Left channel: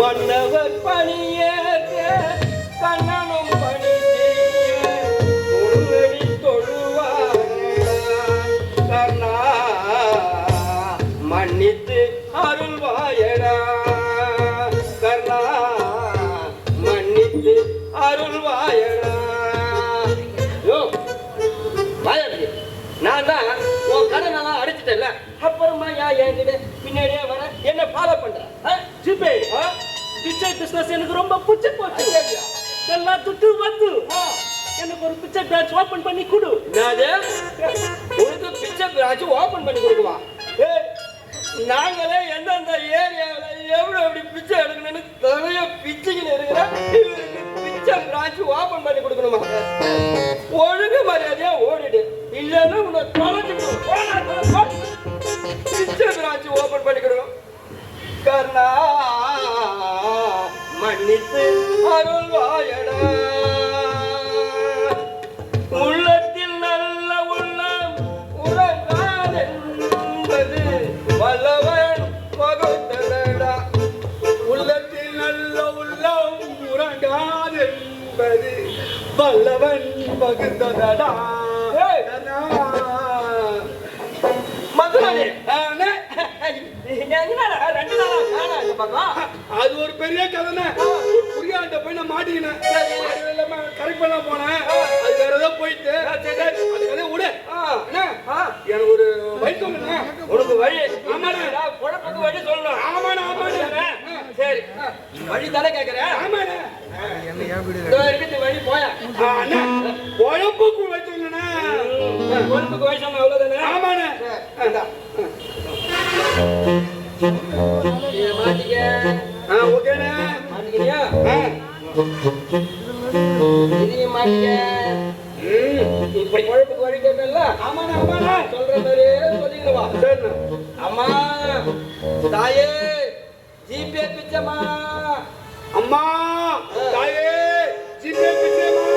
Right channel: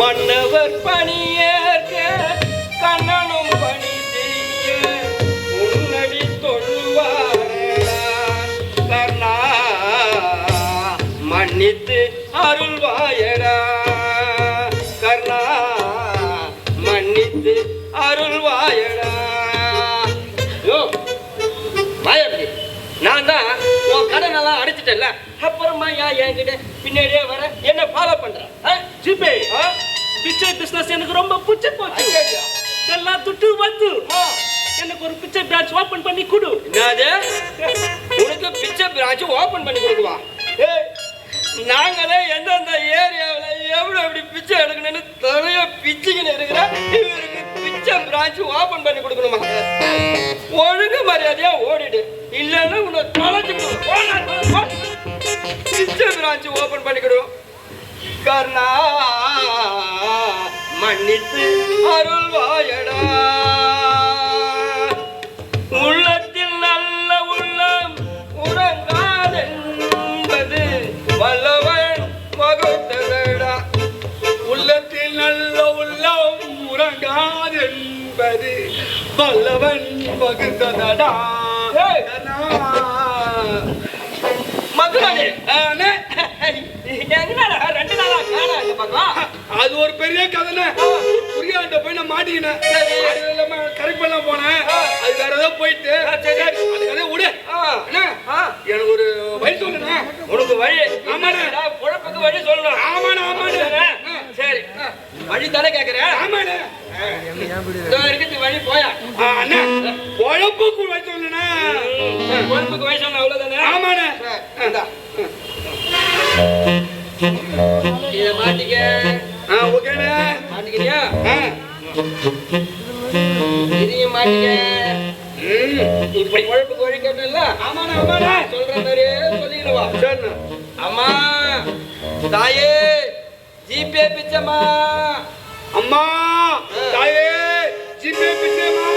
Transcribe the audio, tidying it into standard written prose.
மன்னவர் பணியேற்க கண்ணனும் பணி செய்ய உன்னடி தொழுவாயடா கர்ணா மன்னித்து அருள்வாயடா கர்ணா மன்னித்து அருள்வாயடா. யோ வாயருக்கு நான் தான் உன் கடனெல்லாம் அடிச்சிட்டேன்ல, அப்புறமா ஏன் என்கிட்ட பின்னாடியே வர என்ன ஃபாலோ பண்ற? ஜிபே பிச்சை பிசினஸ் எனக்கு ரொம்ப பிடிச்சி போச்சு. எல்லாம் துட்டு வந்து எனக்கு ஒரு பிச்சை பிரான்ச் ஓபன் பண்ணி கொடு. என்னது உனக்கு பிச்சை பிரான்ச் ஓபன் பண்ணி கொடுக்குவா? நாங்களே எந்தெந்த ஏரியாவில் எவ்வளோ எப்படி பிச்சை எடுக்கணும்னு நிறைய பிச்சைகள் இருக்கிறா, இவருக்கு பிச்சை பிரான்ச் ஓபன் பண்ணி கொடுக்கணுமா? ஒழுங்கு மரியாதையா ஓடிடு, இல்லைன்னா உன்னை தொலைச்சிக்கணும். பிச்சை பிரான்ச் ஓபன் பண்ணி கொடுவோம். கர்ணா மன்னித்து அருள்வாயடா. உள்ளத்தில் நல்ல உள்ளம் உறங்காதென்பது வல்லவன் வகுத்ததடா. உள்ளத்தில் நல்ல உள்ளம் உறங்காதென்பது வல்லவன் வகுத்ததடா. மதுராணி என்னடா 2 நாளா காணா இல்ல பாப்பா? அது ஒரு பெரிய கதைனே. புரியாத போய் நான் மாட்டிக்கினேன். கரெக்ட் பண்ண போனேன், அது வேற ஏதோ போயிட்டு விடு. எனக்கு ஒரு வழி சொல்லுங்க. உனக்கு வழி? ஆமாண்ணே. குழப்பத்துக்கு வழி சொல்லணும். ஆமாண்ணே ஆமாண்ணே. சரி வழி தானே கேட்கிறேன். ஆமாண்ணே. இருக்கிறது வழி போயா? குழப்புக்கு வழி சொல்லுண்ணே. குழப்புக்கு வழி சொன்ன அவ்வளவுதானே? ஆமாண்ணே. இதை மாட்டிக்க. ஓகேண்ணே. மாட்டிக்கிறியா? இதையும் மாட்டிக்க. இப்படி குழப்புக்கு வழி கேட்டல? ஆமாண்ணே ஆமாண்ணே. சொல்ற மாதிரியே சொல்லிடுவா. சரிண்ணே. அம்மா தாயே ஜிபே பிச்சம்மா. அம்மா தாயே ஜிபே பிச்சைமா.